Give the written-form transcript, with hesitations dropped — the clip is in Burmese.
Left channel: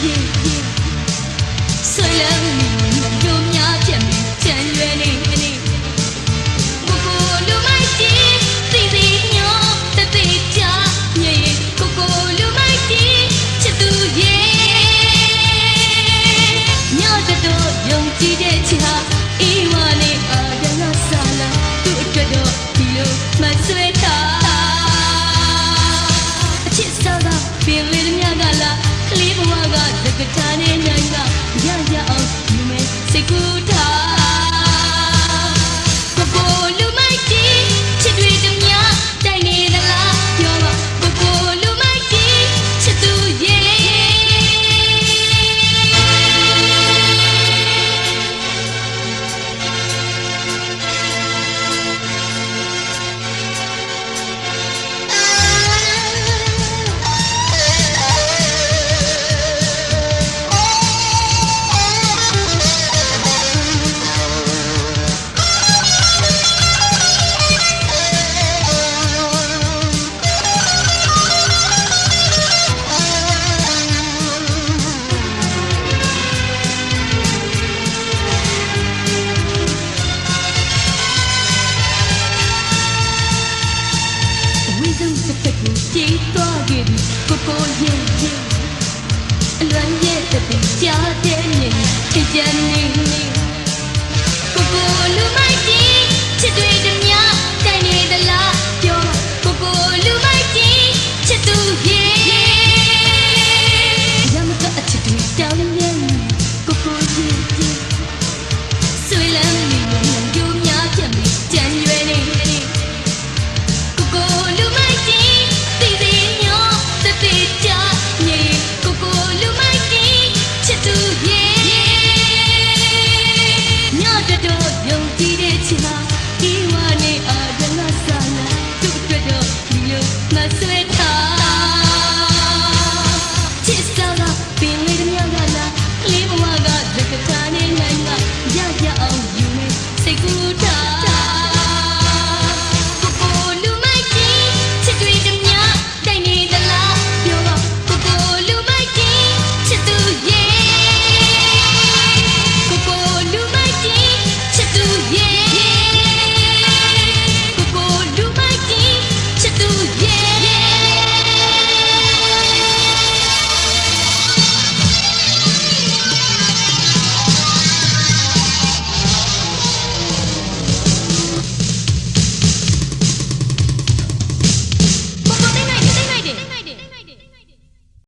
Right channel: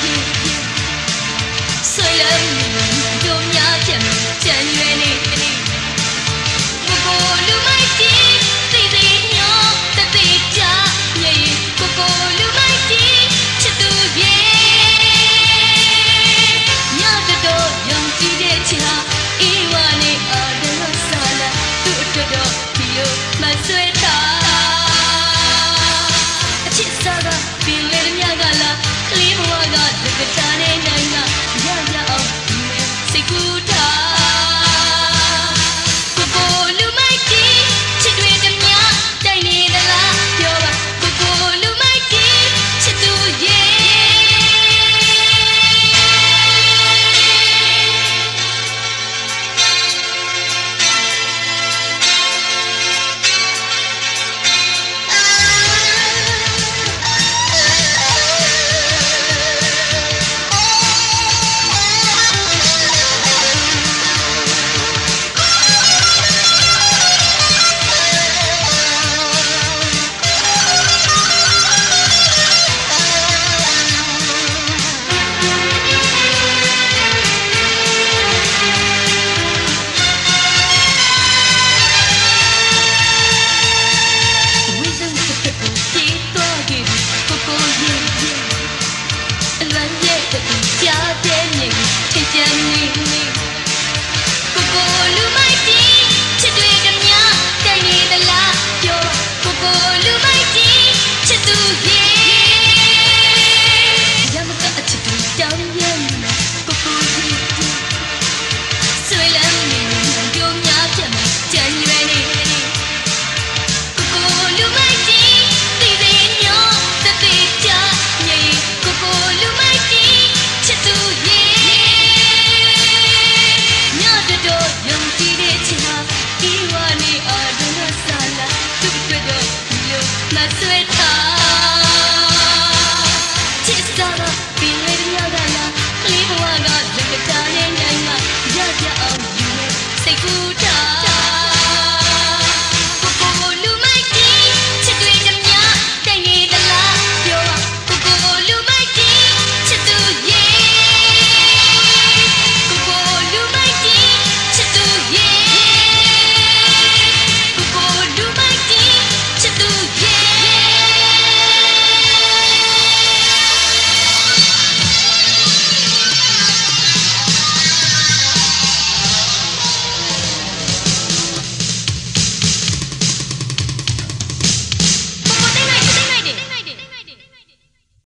ဆွေလည်းတို့များပြန်ကြံရွယ်လေးကိုကိုလူမိုက်ကြီးစီစီညောတသိကြမြေကိုကိုလူမိုက်ကြီးချစ်သူရဲ့ညတော့ယုံကြည်တဲ့ချစ်ဟာအေးဝါနဲ့အာရရဆာလာသူ့အတွက်တော့ဒီလိုမဆွဲတာအချစ်စားကပင်လေမြကလာကလေးဘဝကသက္ကတာနဲ့နိုင်ကရရအောင်ဒီမဲ့စိတ်ကူးထားကိုကိုလူမိုက်ကြီးချစ်တွေတည်းများတိုင်နေသလားပြောပါကိုကိုလူမိုက်ကြီးချစ်သူရဲ့ကြားတဲ့နေထိကြနေကိုကိုလူမိုက်ကြီးချစ်တွေတည်းများတိုင်နေသလားပြောကိုကိုလူမိုက်ကြီးချစ်သူရဲ့ရမကအချစ်တွေတောင်းရဲ့ကိုကိုကြီးဆွေလမ်းနေတို့များပြန်ကြံရွယ်နေကိုကိုလူမိုက်ကြီးစီစီညောတသိကြမြေကိုကိုလူမိုက်ကြီးချစ်သူရဲ့ညတော့ယုံကြည်တဲ့ချစ်ဟာဒီဝါနဲ့အာဒနာဆာလာသူ့အတွက်တော့ဒီလိုမဆွဲထားချစ်စာ